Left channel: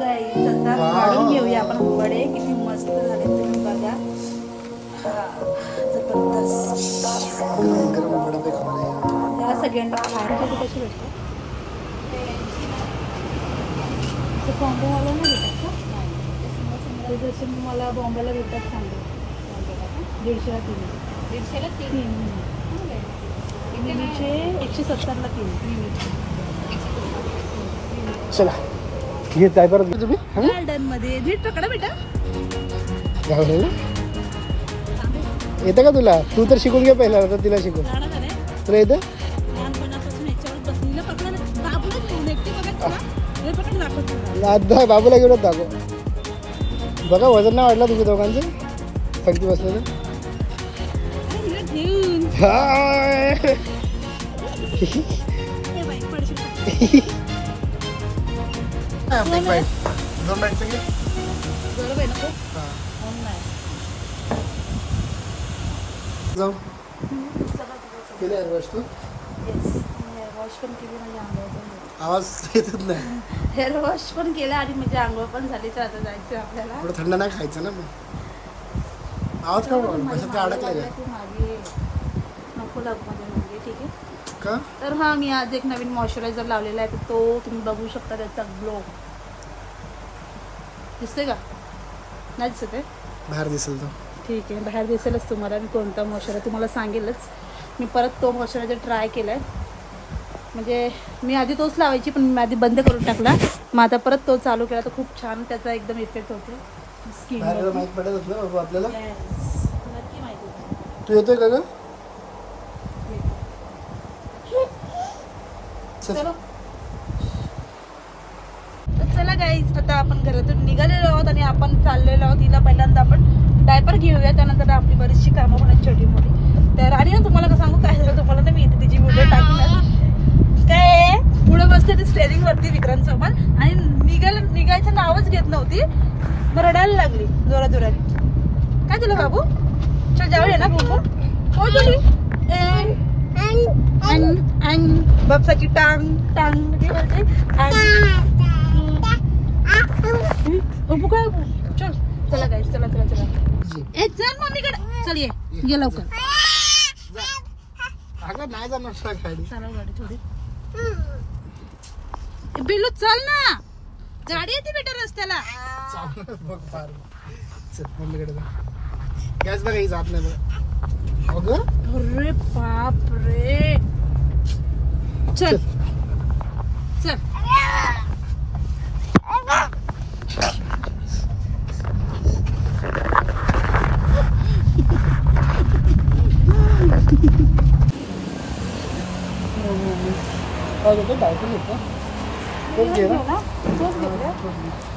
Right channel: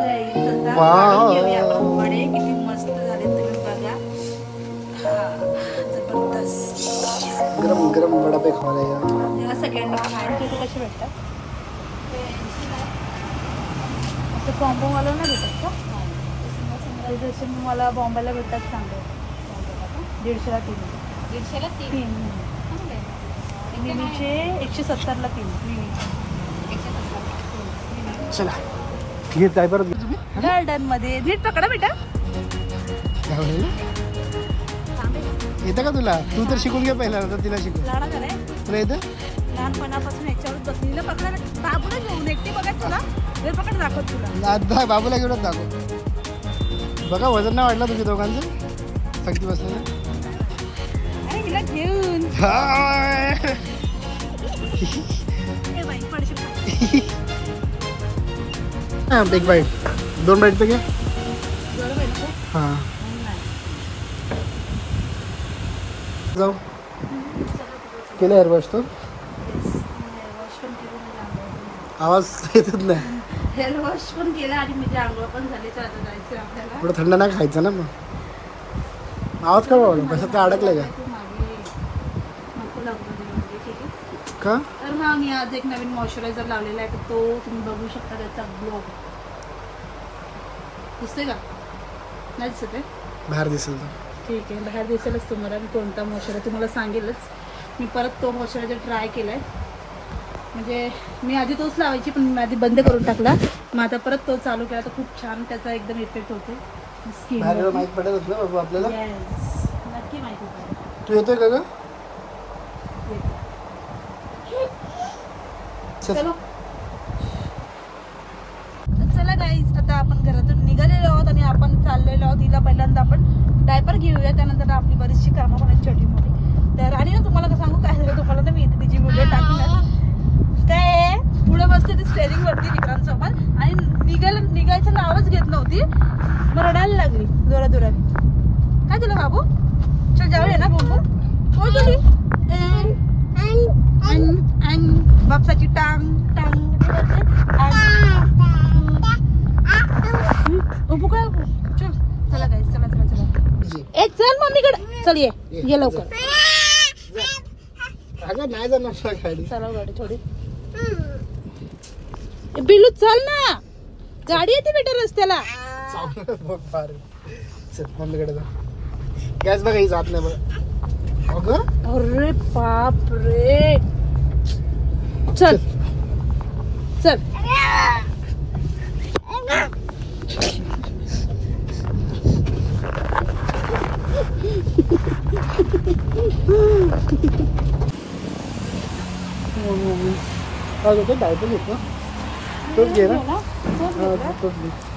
घेऊया आपण वडे. किती मस्त झाले तुम्ही बघा. गरम गरम वडापाव खायला या. त्याला सगळ्यांनी खायला कशी भेटतात कॉम्बो मला नाही भेटत का? जसे मला बॉम्बेला भेटतात सांगतो 150ला 3. 150ला 3 मिमीचे 170ला 3. चला ये काय परत तुम्ही गार्डन मध्ये नीट पकडा बेटा. येतं का तुला? तू तर शिकून घे पहिला तर तिला शिकव. तुला येतं? लहानपणापासून याच्यावर बसलेलं पकडा. बाबूला घेऊन एकटी बघा तुला पकड दाखव तुला. बाबूला घेऊनच दाखव. बघा वजन नाही वाढलं तुझ्या दोघांचं सगळी बसलेलं. हिला घेऊन बिग बाईट 2 बाईटचं घे. हां जाऊ केलं हेअर वॉश. तो आवाज येतच नाही. हेअर वॉश पण केला आणि म्हणजे आंघोळ पण झाली. तर आता जायचं आपल्याला. थोडं थंड नाही खायचं ना मग. आवाज का वाढू कसं काय अडकलंय का? नको लागू मध्ये ठीक आहे का? तर हा मी आज एक नवीन मॉइश्चरायझर लावलेला आहे. तर तो तुम्ही बघू शकता. त्याचा ग्लो दिसतोय का? नाही दिसत आहे? बाहेर दिसेल तर ठीक आहे. बाहेर दिसेलच तुम्हाला. मी कोणता मॉइश्चरायझर तुम्हाला सांगेलच. मी परत तो मॉइश्चरायझर ट्राय केला आहे. म्हणजे मी आधी तोच लावायची पण मी आधी बंद करून टाकला. मग आता परत तो चालू केला तर खूप छान त्याचा एकदम इफेक्ट होते स्किन. माहीत पडत ना बाबा आपल्याला. नक्की माहिती. तू येतोय का ग? चला गाईज आता आपण घरातून निघालेलो आहोत आणि आपण चाललेलो आहोत. हिला पहिल्यांदा आपण डायपर घेऊया. त्यानंतर आपली बरीचशी कामं होणार छोटी मोठी. तर आणि ना तुम्हाला सांगू काय झालं तुम्हाला तर मी इथे तिची व्हिडिओ टाकली काय पुढे बसते ती स्टेरिंग वरती विक्रांतसोबत आणि निघायचं नावच घेत नव्हती. मग रडायला लागली जोरात. काय झालं बाबू? चल जाऊया ना बुबू. हो गेली बापसाची टांग टांग काय चल. चला गाईस चला. ए चल मम्मीकडे चल. ये लवकर. नाही जाणार गाडी. चला गाडी थोडी. बिलू चल ना. गाडी येते बेटा रस्त्याला. चल मम्मीकडे जा. गॅस बघा ही जात नाही बघ. अरे बाप रे. चल चल. काय घेतो? डायपर घेतो. तोच घे ना.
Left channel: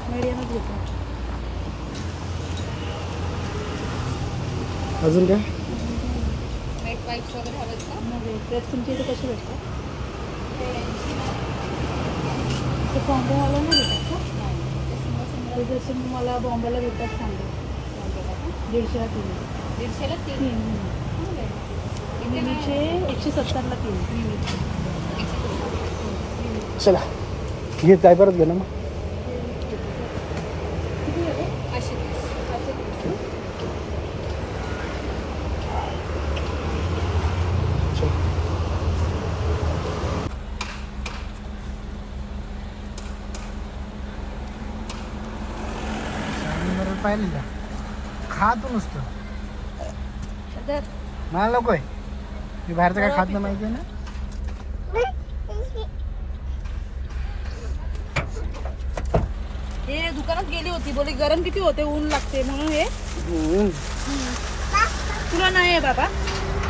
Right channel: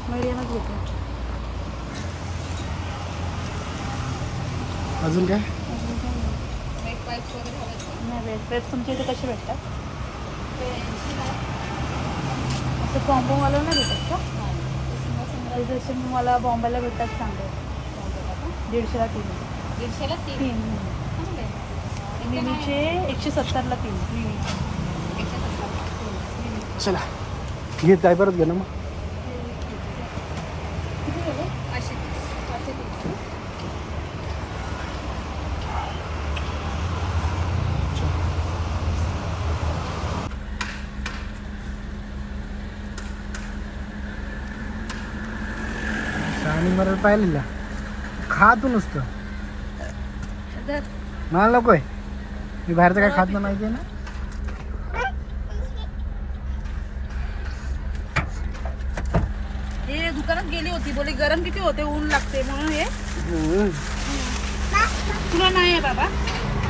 मीडियमच घेतो. अजून काय? वेट तुमच्या इथे कशी भेटतात? कॉम्बो मला नाही भेटत का? जसे मला बॉम्बेला भेटतात सांगतो 150ला 3. 150ला 3 मिमीचे 170ला 3. चला ये काय परत घे ना मग. पाहिलेला खा तू नुसतं. मला नकोय. मी बाहेरचं काय खात नाही माहिती आहे ना. हे दुकानात गेली होती बोली गरम किती होते ऊन लागते म्हणून हे तुला नाही बाबा.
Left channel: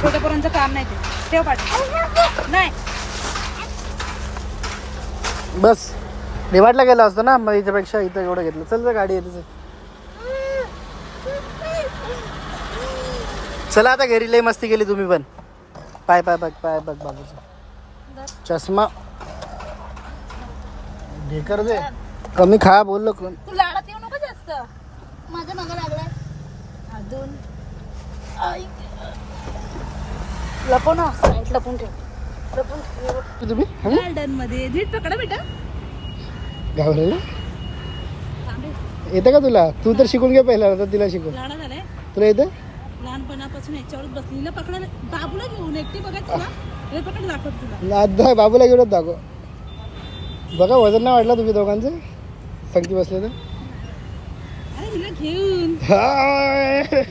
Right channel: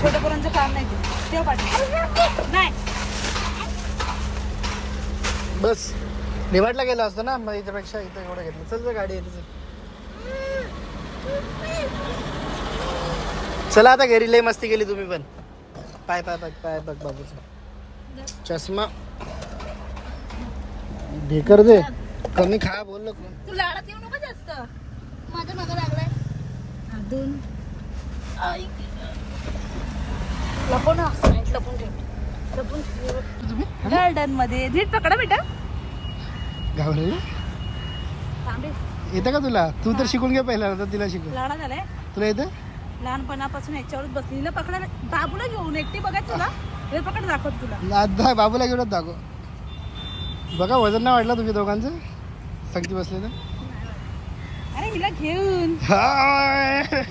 छोट्या पोरांचं काम नाही. ठेव पाठी नाही. बस रिवार्डला गेला असतं ना मग याच्यापेक्षा इथं एवढं घेतलं. चल गाडी येते. चला आता घरी. लय मस्ती केली तुम्ही पण. पाय बघ बाबूचा चष्मा घे कर दे. कमी खा बोललो. तू लाडात येऊ नको जास्त. माझ्या मागं लागलाय. अजून लपून लपून ठेव. तुम्ही गार्डन मध्ये नीट पकडा बेटा. गावलेलं येतं का तुला? तू तर शिकून घे पहिला, आता तिला शिकव. लहान झालंय तुला येतं? लहानपणापासून याच्यावरच बसली. पकडायला बाबूला घेऊन एकटी बघायचं तुला. हे पकड दाखवत तुला. आता बाबूला घेऊनच दाखव. बघा वजन नाही वाढलं तुम्ही दोघांचं संगती बसले तर. अरे हिला घेऊन हाय.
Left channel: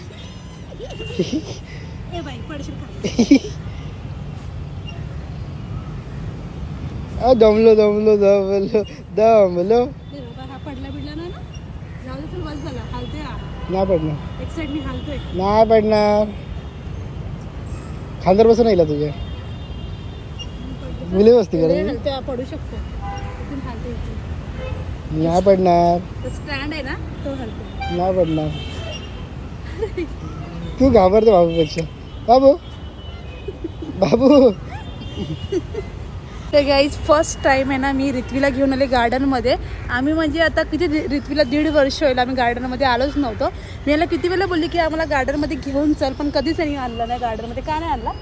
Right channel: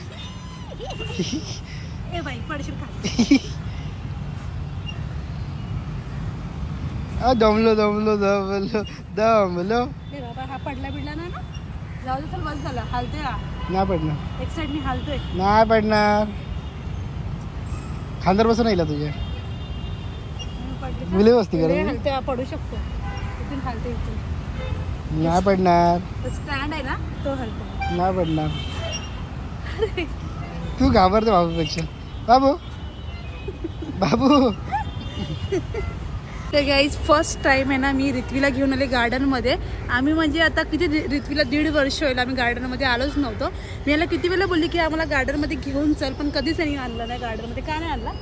ए बाई पडशील खाली. दमलो दमलो दमलो दमलो. ए बाबा हा पडला बिडला ना. जाऊ दे, चल बस झाला. हालतोय हा. नाही पडणार. एक साईडनी हालतोय. नाही पडणार. खांदर बसून येईल तुझ्या. मुले बसती हलतोय, पडू शकतो. इथून हालतोय इथून. नाही पडणार. स्टँड आहे ना तो हलतो. नाही पडणार. तू घाबरते बाबूपेक्षा. बाबू बाबू. तर गाईज फर्स्ट टाइम आहे ना मी रित्वीला घेऊन आले गार्डनमध्ये. आम्ही म्हणजे आता किती रित्वीला 1.5 वर्ष होईल आम्ही गार्डनमध्ये आलोच नव्हतो. मी याला किती वेळा बोलली की आम्हाला गार्डनमध्ये घेऊन चल, पण कधीच नाही आणलं नाही गार्डनमध्ये. का नाही आणला?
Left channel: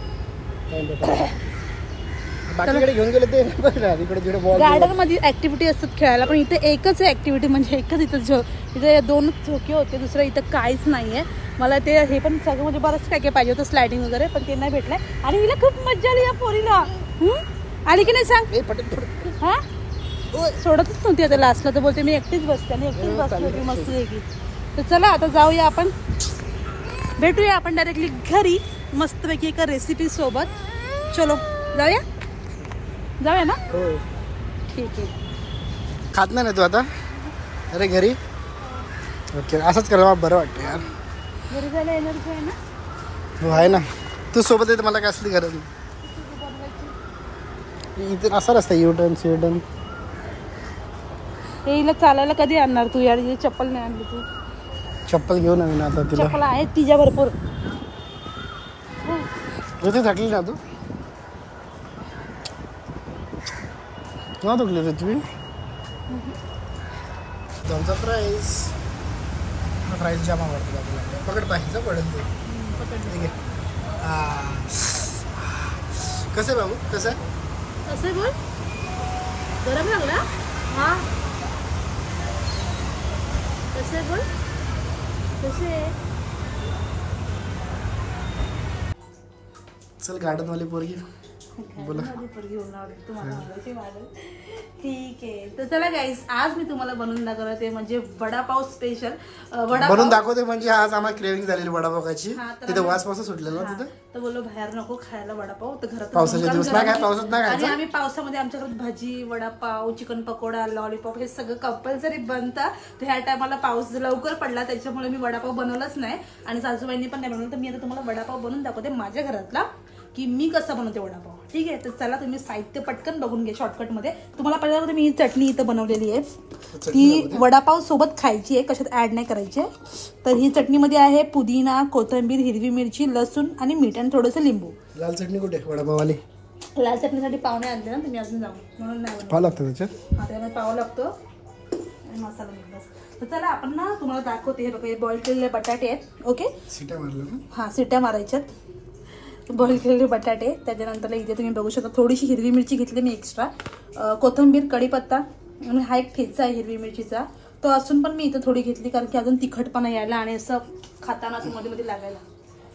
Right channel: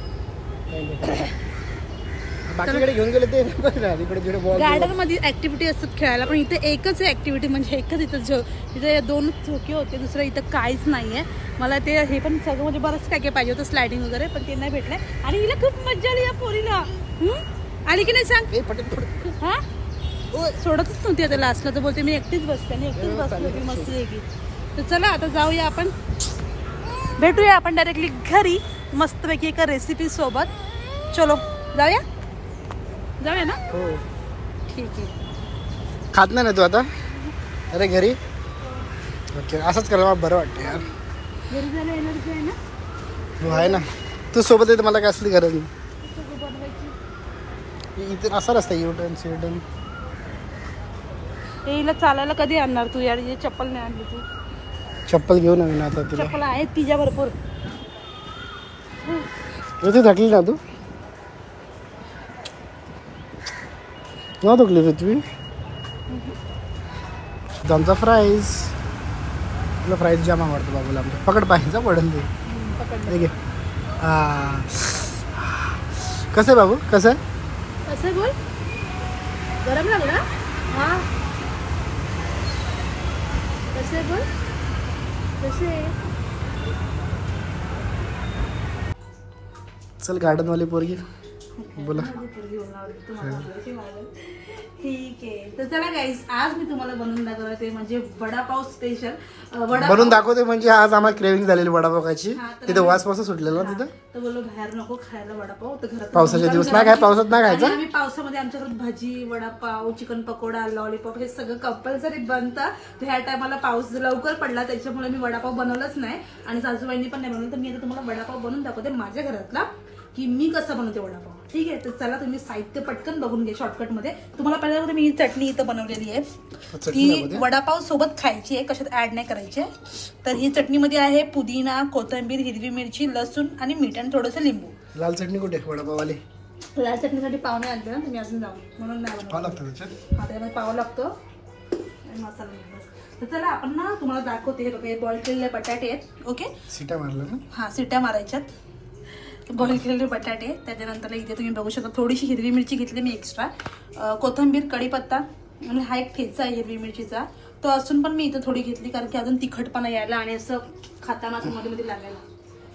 गार्डन मध्ये ऍक्टिव्हिटी असतात खेळायला, पण इथे एकच आहे ऍक्टिव्हिटी, म्हणजे एकच इथं. इथे 2 झोके होते, दुसरं इथं काहीच नाहीये. मला ते हे पण सगळं म्हणजे बरंच काय काय पाहिजे होतं, स्लायडिंग वगैरे, पण ते नाही भेटलंय. आणि हिला खूप मजा आली या पोरीला. आली की नाही सांग? हा सोडतच नव्हती आता लास्टला, तर बोलते मी एकटीच बसते आणि एकटीच बसली होती मस्त की. तर चला आता जाऊया आपण, भेटूया आपण डायरेक्टली घरी मस्तपैकी एका रेसिपी सोबत. चलो जाऊया जाऊया ना. हो ठीक आहे. खात नाही ना तू आता? अरे घरी ओके, असंच करायला मला बरं वाटतं यार. घरी जायला एनर्जी आहे ना. हो आहे ना, तू सोबत येते मला काय असली गरज नाही. इथून असा रस्ता युटर्न स्वीटर्न. हिला चालायला कधी आणणार तू यार? ही चप्पल नाही आणली तू. चप्पल घेऊन आली ना आता तुला. चप्पल आहेत तिच्या भरपूर. ऋतू थकली ना तू? केव्हा थकली ऋतवी? आमचा फ्राईज, तुला फ्राईज जाम आवडतं बाबूला. पकड पाहिजे पडून तू. ठीक आहे. कसं बाबू कसं कसं बोल? गरम लागला? हा कसे बोल कसे. चल गार्डन वाली पोरगी बोला. ठीक आहे. तर चला गाईस, आज मी तुम्हाला बनवून दाखवते म्हणजे वडापाव स्पेशल. बनवून दाखवते म्हणजे आज आम्हाला क्रेविंग झालेली वडापावची. तिथे वास पासून सुटलेला ना तिथे. तर बोललो बाहेर नको खायला वडापाव, तर घरात पावसाचे दिवस नाही काय, पावसात नाही खायचं. आम्ही पावसामध्ये आमच्याकडे भजी, वडापाव, चिकन पकोडा, लॉलीपॉप हे सगळं कंपल्सरी बनतं. तर ह्या टायमाला पाऊस लवकर पडला त्याच्यामुळे मी वडापाव बनवलंच नाही आणि सासूबाईंनी पण नाही बनवलं. तर मी आता तुम्हाला वडापाव बनवून दाखवते माझ्या घरातला, की मी कसा बनवते वडापाव. ठीक आहे. तर चला तुम्ही साहित्य पटकन बघून घ्या शॉर्टकट मध्ये. तुम्हाला पहिल्यांदा मी ही चटणी इथं बनवलेली आहे, ती वडापाव सोबत खायची आहे, कशात ऍड नाही करायची. तर ही चटणीमध्ये आहे पुदिना, कोथिंबीर, हिरवी मिरची, लसूण आणि मीठ आणि थोडंसं लिंबू. लाल चटणी कुठे वडापाववाली? लाल चटणीसाठी पाहुणे आणले ना तुम्ही अजून जाऊन, म्हणून नाही पाव लागतो त्याच्यात. हा त्यामध्ये पाव लागतो आणि मसाला मीठ. तर चला आपण ना तुम्हाला दाखवते. हे बघा, हे बॉईल केलेले बटाटे आहेत. ओके, सिट्या मारल्या ना? हा सिट्या मारायच्यात. बॉईल केलेले बटाटे. त्याच्यानंतर इथे तुम्ही बघू शकता थोडीशी हिरवी मिरची घेतली मी एक्स्ट्रा, कोथिंबीर, कढीपत्ता आणि हा एक ठेचा आहे हिरवी मिरचीचा, तो असून पण मी इथं थोडी घेतली कारण की अजून तिखटपणा यायला आणि असं खाताना असं मध्ये मध्ये लागायला.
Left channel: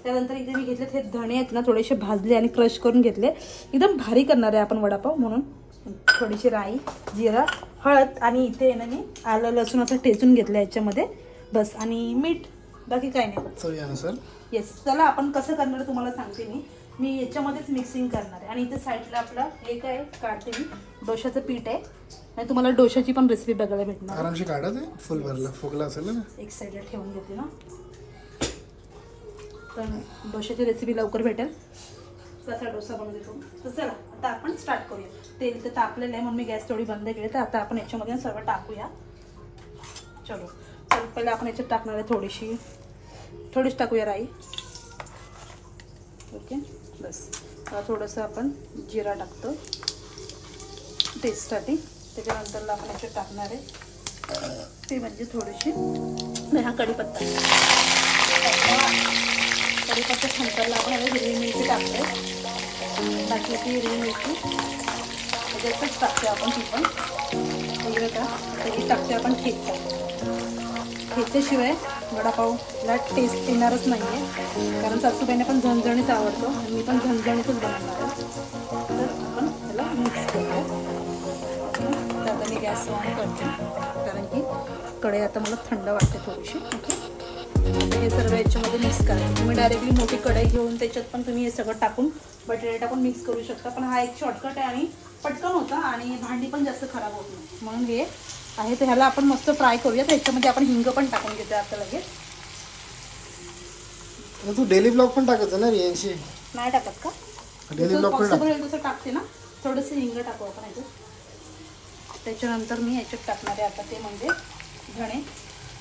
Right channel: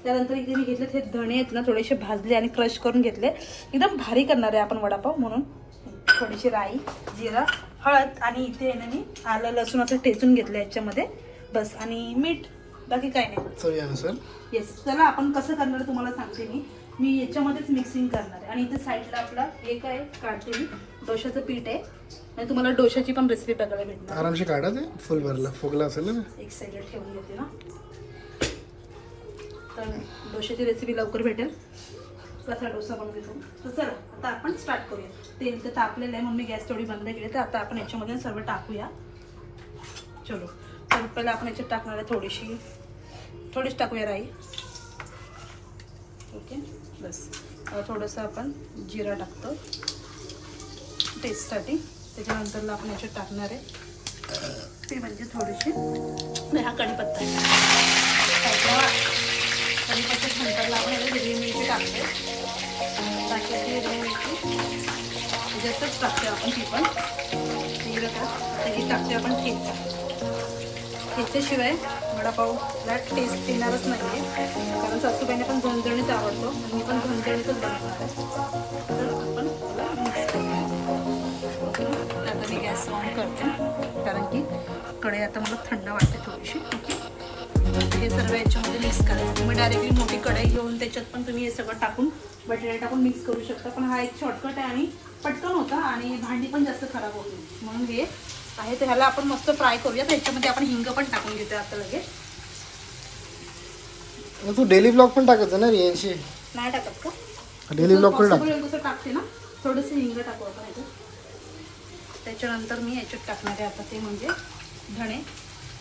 त्यानंतर इथे मी घेतले हे धणे आहेत ना, थोडेसे भाजले आणि क्रश करून घेतले. एकदम भारी करणार आहे आपण वडापाव म्हणून. थोडीशी राई, जिरा, हळद आणि इथे ना मी आलं लसूण असं ठेचून घेतलं याच्यामध्ये बस, आणि मीठ, बाकी काय नाही. येस. चला आपण कसं करणार तुम्हाला सांगते मी याच्यामध्येच मिक्सिंग करणार आहे. आणि इथे साईडला आपला एक आहे काढते मी डोशाचं पीठ आहे, आणि तुम्हाला डोशाची पण रेसिपी बघायला भेटणार. आरामशी काढा ते, फुल भरला फुगला असेल ना. एक साईडला ठेवून घेते ना, तर डोशाची रेसिपी लवकर भेटेल. कसा डोसा बनवतो. तर चला आता आपण स्टार्ट करूया. तेल तर तापलेलं आहे म्हणून मी गॅस तेवढी बंद केली. तर आता आपण याच्यामध्ये सर्व टाकूया. चलो, तर पहिले आपण याच्यात टाकणार आहे थोडीच टाकूया राई. ओके, बस. थोडंसं आपण जिरा टाकतो टेस्टसाठी. त्याच्यानंतर आपण याच्यात टाकणार आहे ते म्हणजे थोडीशी हा कढीपत्ता. कढीपत्त्याच्या नंतरला आपण हिरवी मिरची टाकतो. बाकीची हिरवी मिरची त्याच्यातच टाकतो आपण, ती पण वेगळं का त्याची टाकते आपण ठेचा. ह्याच्याशिवाय वडापावला टेस्ट येणारच नाही आहे, कारण सासूबाईंना पण झणझणीत आवडतो, मी पण झणझणीतच बनवतो. तर आपण त्याला मिक्स करूया. ओके, आता मी गॅस ऑन करते, कारण की कढई आता मला थंड वाटते थोडीशी. ओके, हे सर्व याच्यामध्ये मिक्स करा. तुम्ही डायरेक्टली मोठी कढई घेऊन त्याच्यात पण तुम्ही हे सगळं टाकून बटाटे टाकून मिक्स करू शकता, पण हा एक शॉर्टकट आहे आणि पटकन होता आणि भांडी पण जास्त खराब होत नाही. म्हणून हे आहे, तर ह्याला आपण मस्त फ्राय करूया. तर ह्याच्यामध्ये आपण हिंग पण टाकून घेतो आता लगेच. तू डेली ब्लॉग पण टाकायचं ना रियांशी? नाही टाकत का? डेली ब्लॉग पण तसं टाकते ना, थोडंसं हिंग टाकू आपण ह्याच्यात. त्याच्यानंतर मी याच्यात टाकणार आहे आता ते म्हणजे धणे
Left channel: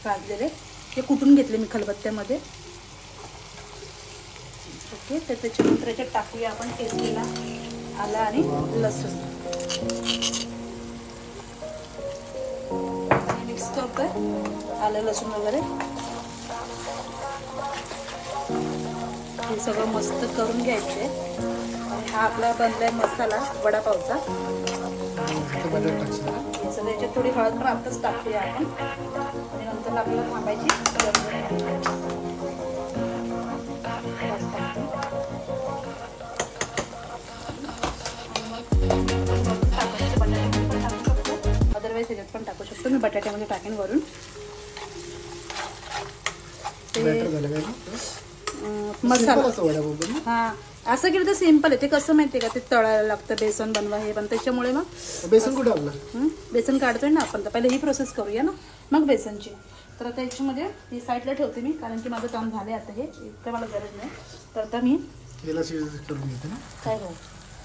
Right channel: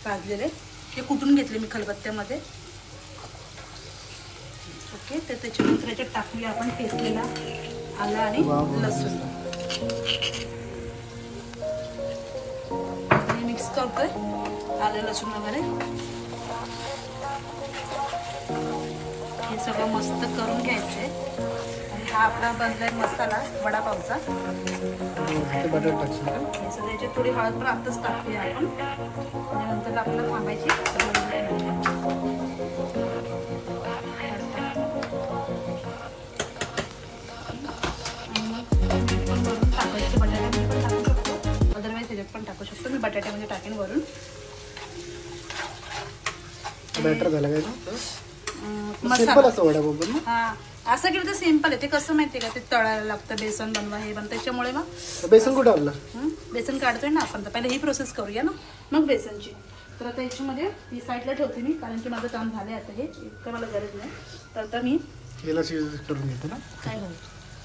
भाजलेले, ते कुटून घेतले मी खलबत्त्यामध्ये. ओके, तर त्याच्यानंतर याच्यात टाकूया आपण ठेचलेला आलं आणि लसूण. मिक्स करतोय आलं लसूण वगैरे, हे सगळं मस्त करून घ्यायचंय. आणि हा आपला बनलाय मसाला वडापावचा. बटाटे टाकशील? हे सगळं याच्यात थोडी हळद पण आत्ताच टाकूया आपण, आणि नंतर आपल्याला थांबायची अदरवाईज त्याच्यात पण टाकू शकतो. मी बटाट्यामध्ये टाकेन वरून. बेटर झालं काय सिंपल असं वडापाव. हा, असं केलं तर सिंपल आहे. ते कसं माहितीये का, ते तळायला लागतं, बेसन बनवा हे पण, त्याच्यामुळे ना बेसन कुठे आपलं बेसन काढतोय ना आपण, तर पहिले ही प्रोसेस करूया ना, मग बेसनची. तर आता याच्यामध्ये ही साईडला ठेवते मी, कारण की माझं काम झालंय आता, हे इतकं मला गरज नाही. तर आता मी याला करून घेते ना, काय हो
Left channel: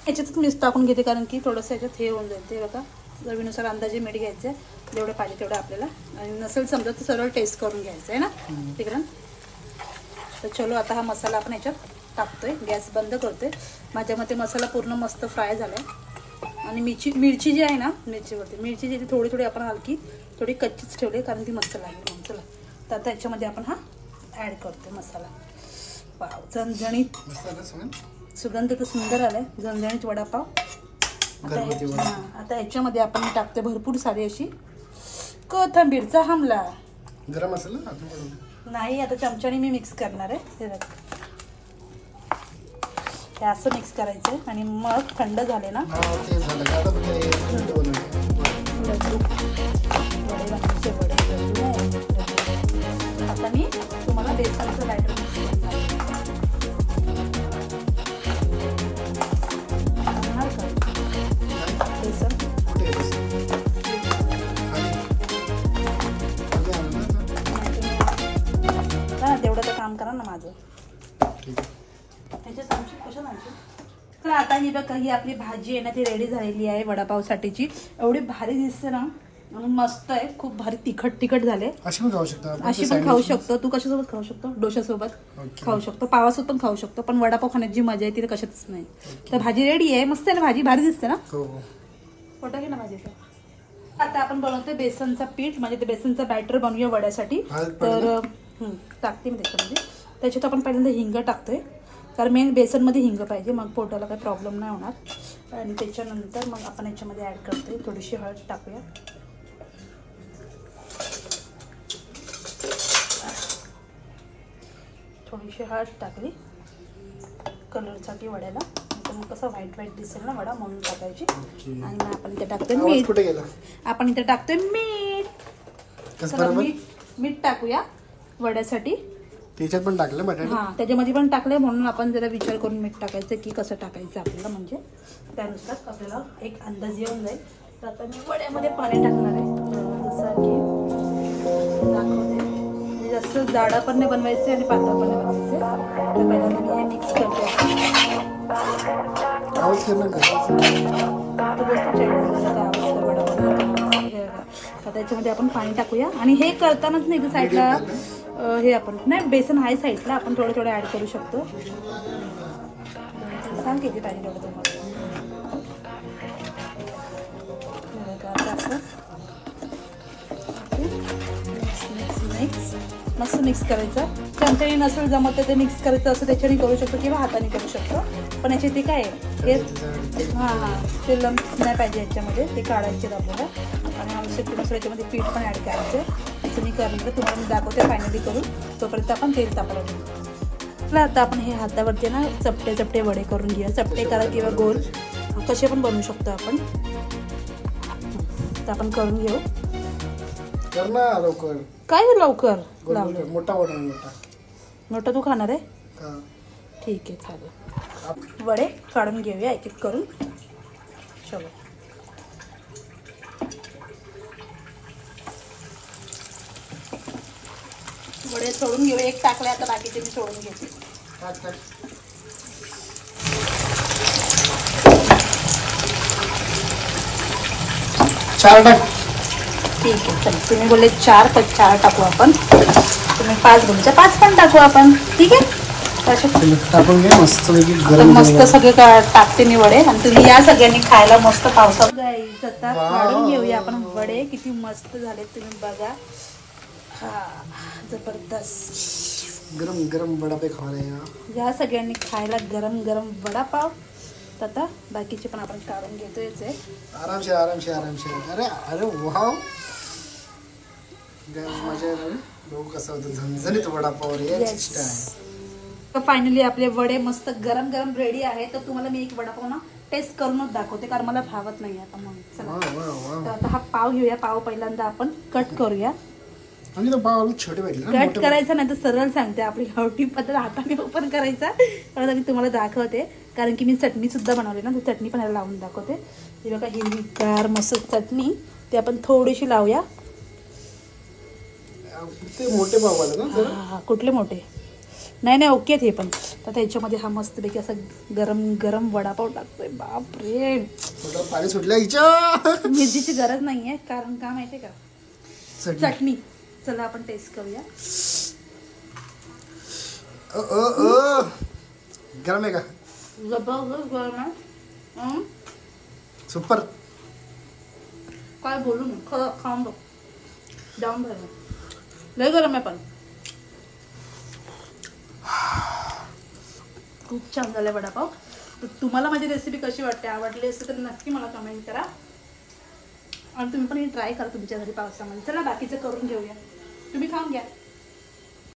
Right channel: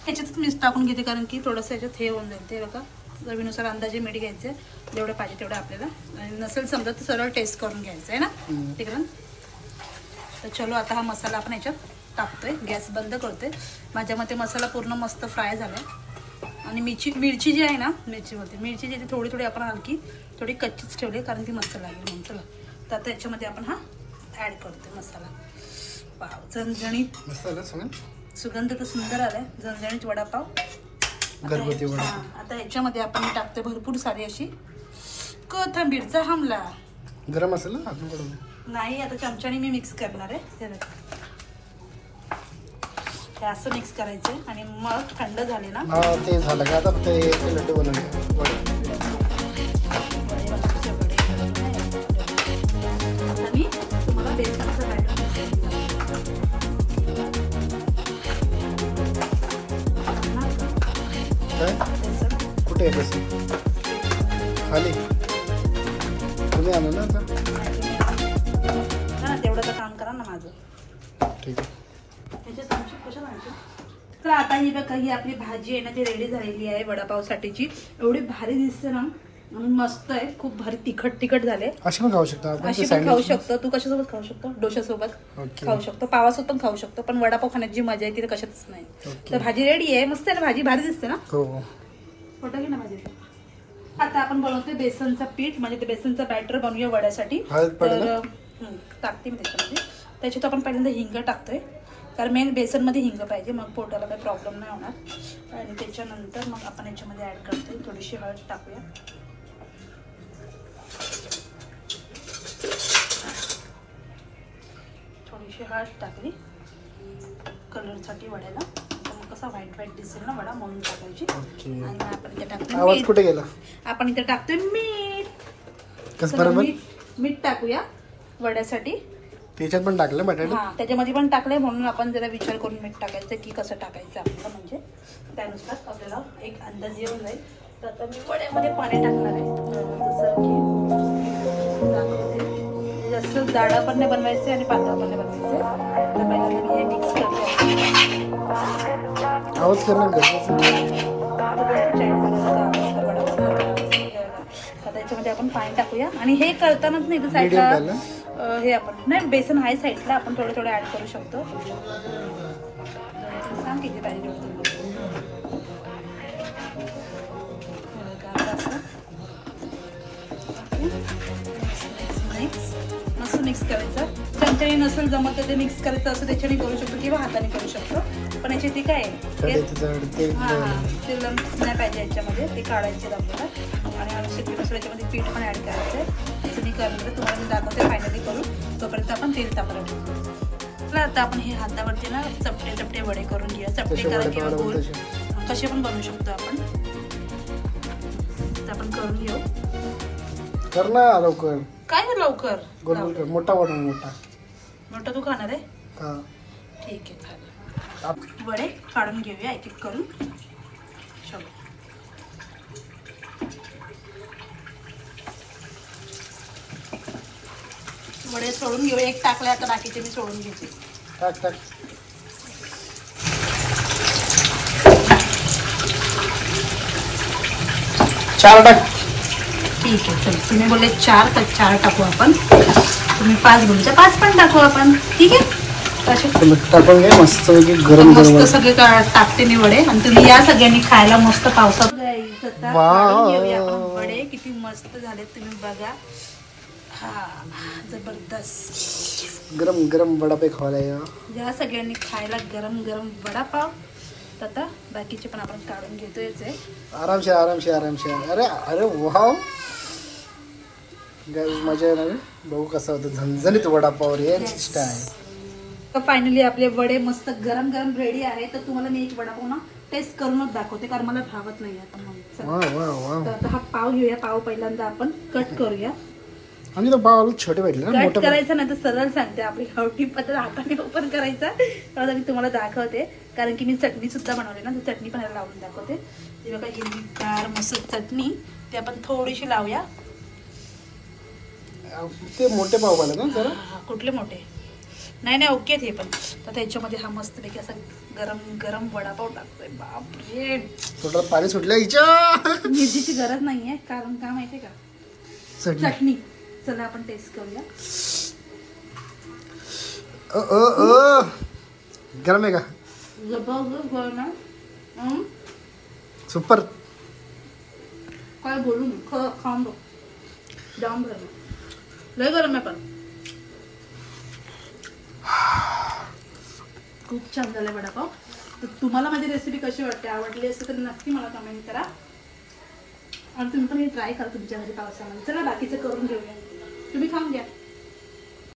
याच्यात मीठ टाकून घेते, कारण की थोडंसं याच्यात हे होऊन जाईल. ते बघा, चवीनुसार अंदाजे मीठ घ्यायचं, जेवढं पाहिजे तेवढं आपल्याला, आणि नसेल समजा तर सरळ टेस्ट करून घ्यायचं आहे ना, ठीक आहे ना. तर चलो, आता हा मसाला आपण याच्यात टाकतोय, गॅस बंद करतोय. माझ्या मते मसाला पूर्ण मस्त फ्राय झालाय. आणि मिरची जी आहे ना, मिरची जी थोडी थोडी आपण हलकी थोडी कच्चीच ठेवली, कारण ती मस्त लागली. चला, तर आता याच्यामध्ये आपण हा ऍड करतो मसाला. वाव, झणझणीत सुगंध तर सुंदर आलाय, झणझणीत वडापाव घरगुती वडापाव. आता याच्यामध्ये आपण टाकतोय भरपूर सारी अशी कोथिंबीरचा हमला. गरम मसाला नाही, आता चमच्याने मी मिक्स करणार आहे. हे असं मिक्स करायचं आणि मग थंड झाले ना, ते झालं का आता ते लड्डू बनवले. आता मी तुम्हाला बेसनचं बॅटर कुठे आहे बेसन? खाली तुम्ही आणलं ना तेवढं काम करा ना माझं. ठीक आहे. तर आता ही बघा, ही आपली भाजी आहे ना, ती रेडी झालेली आहे वडापावसाठीची. एवढी भारी दिसते ना, म्हणून मस्त आहे, खूप भारी तिखट झाले. अशी पण खाऊ शकतो, अशी पण खाऊ शकतो. तू कशासोबत खाऊ शकतो? डोशासोबत खाऊ शकतो, पावासोबत पण खाऊ शकतो, पण वडापाव खाण्याची जी मजा आहे ती कशातच नाही. तर भाजी रेडी आहे, मस्त आहे ना भाजी, भारी दिसते ना. फोटो घे ना भाजीचा. आता आपण बनवतोय बेसनचा पीठ, म्हणजे ते बेसनचा बॅटर बनवूया वड्यासाठी. तर टाकते मी त्याच्यात आपण पहिल्यांदा हिंग टाकतोय, कारण मेन बेसनमध्ये हिंग पाहिजे, मग पोटाला काही प्रॉब्लेम नाही होणार. आणि त्याच्यानंतर मग आपण याच्यामध्ये ऍड करतोय थोडीशी हळद टाकूया. थोडीशी हळद टाकली कलरसाठी वड्याला, कसा व्हाईट दिसेल ना वडा, म्हणून टाकायची. आणि आपण इथे टाकतोय मीठ. कुठे गेला? आपण इथे टाकतोय मीठ. मीठ टाकूया वड्यासाठी. त्याच्यात पण टाकलं बटाटे? हा, त्याच्यामध्ये पण टाकले, म्हणून आपण जरा विचार करून मीठ टाकायचं की कसं टाकायचं आपल्याला, म्हणजे त्यानुसार आपल्याला एक अंदाज येऊन जाईल. तर आता मी वड्यामध्ये पाणी टाकणार आहे, जसं की दाखवते. जास्त जाडं पण नाही बनवायचं आणि पातळ पण नाही बनवायचं. तर पहिल्यांदा मी हे मिक्स करते. आवाज करणं गरजेचं. आता याच्यामध्ये आपण पाणी टाकूया, आणि हे करतानाच नाही साईडला हे आपण नाही, बेसन आहे साईडला, आपण थोडं थोडं ऍड करू शकतो. सांग किती पाणी टाकतो. मस्त मिक्स करायचं. चमच्याने नसेल जमत तर ते मिक्स करायचं असं त्याच्याने करू शकतो, किंवा हाताने करू शकतो. पण याची ते काय आहे, ते लम्स नाही पाहिजे याच्यामध्ये, ते काढायचे आपल्याला. आणि आवश्यक दुसऱ्या याच्यामध्ये पीठ पण ऍड करायचं. असं मी करायचं, तुम्हाला रेसिपी करू. तोपर्यंत आपण तेल तापवलं ठेवू. चला आता आपण हे हातावरचे ना चपटे चपटे वडे करून घेऊया. चपटे करा किंवा गोल कसे पण बनवू शकतो आपण. तर आपण करून घेऊ. कर ना लवकर. काय लवकर? गोल गोल कर. मोठा बनव. मोठा तू खाणार आहे? हा ठीक आहे चालेल. वडे काढून घेऊया एक एक करून. चलो वडे सोडून घेऊया. एक टाकले आता बाकीचे मी सोडून घेते. टाक टाक. चार टाक. ठीक आहे चलो. तुम्ही बोलले 4 तर 4 टाकू आपण. तुम्ही 5 बोलता 5 पण टाकू आपण. ठीक आहे. टाकून घे मस्त गरम मस्त सगळे टाकते मी वडे आणि तुम्ही या सगळ्यांनी खायला मस्त पावसात जाईल. आता काढून घेऊया आपण वडे. किती मस्त झाले तुम्ही बघा. हा जबरदस्त गरम गरम वडापाव खायला या सगळ्यांनी खायला गरम गरम वडापाव. आता बाकीचे पण आपण काढून घेतोय. आरामशीर आरामशीर आरामशीर. अरे अरे वाव मजा येणार. बघू कसं होतं झणझणीत वडापाव रे. तर फायनली आपले वडे मस्त गरम गरम रेडी आहे. तर तुम्हाला मी एक वडापाव ना टेस्ट करूनच दाखवते कारण मला भावत नाही आता म्हणून. तर आता हा पाव घेऊया. पाव पहिल्यांदा आपण कट करूया. आम्ही तर पाव छोटे भेटले ना. कट करायचं नाही तर सरळ सांगते आपली गावठी पद्धत हाताने ओपन करायचा. तर मी तुम्हाला दाखवते कारण की मी चटणी सुद्धा बनवली ना. तर चटणी पण लावून दाखवते. ते बघा हिरवीगार मस्त चटणी ते आपण थोडीशी लावूया. ते मोठे पाव आले ना जरा. कुठले मोठे? नाही ओके ते पण. तर त्याच्यामध्ये हा मस्त पैकी असं गरम गरम वडापाव टाकतोय. बापरे थोडं पाणी सुटलं हिच्या. मिरचीची गरज नाहीये कारण का माहितीये का चटणी. चला आपण टेस्ट करूया. गरम आहे का? जबरदस्त गरम आहे. सुपर. काय बोलू मी खाऊन बघ. जाऊन बघ लय गरम आहे पण खूप छान झालं वडापाव. तर तुम्हाला माझी रेसिपी कशी वाटते? आवडली असेल तर नक्की मला कमेंट करा आणि तुम्ही पण हे ट्राय करा तुमच्या घरी पावसामध्ये. चला बाकीचं करून घेऊया. तुम्ही खाऊन घ्या.